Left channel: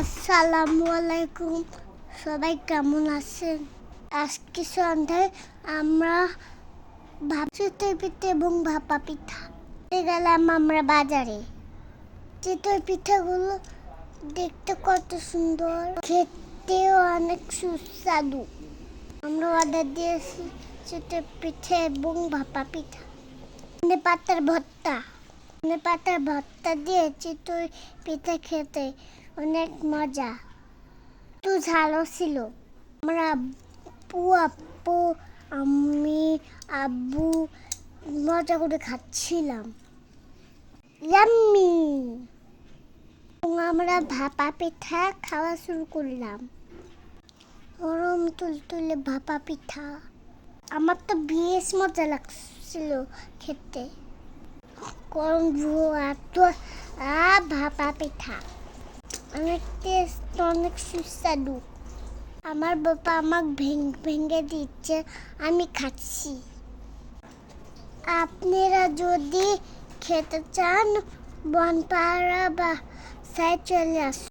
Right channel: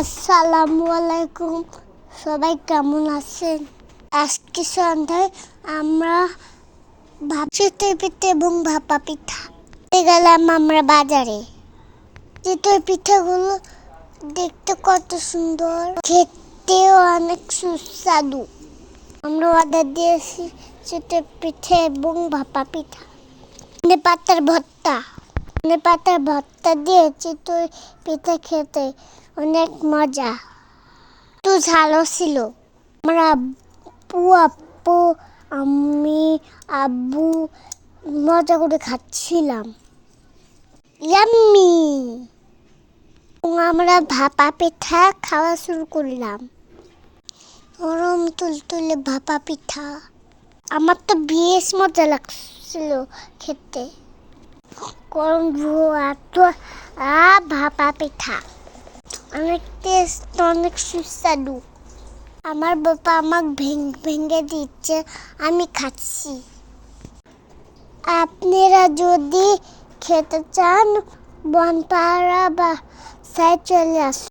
আসসালামু আলাইকুম, সবাই কেমন আছেন? আজকে সন্ধ্যায় আমরা চিতই পিঠা এবং ভাপা পিঠা গেলাম আমরা বাজারে। চিতই পিঠাগুলো দেখতে কত সুন্দর, খেতেও অনেক সুস্বাদু। আমরা অর্ডার দিয়েছি চিতই পিঠা এবং ভাপা পিঠা। পাতার ভর্তা দিয়ে চিতই পিঠা খেতে অনেক মজা, একটু ঝালও ছিল। আমরা আপু আমি আব্বু মজা করে খাচ্ছিলাম। ইয়াম্মি। আমরা ভাপা পিঠা খাওয়া শুরু করলাম। গরম তুলতুলে ভাপা পিঠা আমার তো বেশ মজা লাগছিল খেতে। গরম ভাপা পিঠা অনেক টেস্ট, অনেক সুস্বাদু। আমার বাবা আমাকে ভেঙে দিচ্ছে, আমি খাচ্ছি। আপনারা যদি খেতে চান বনপাড়া বা সাইড চলে আসুন।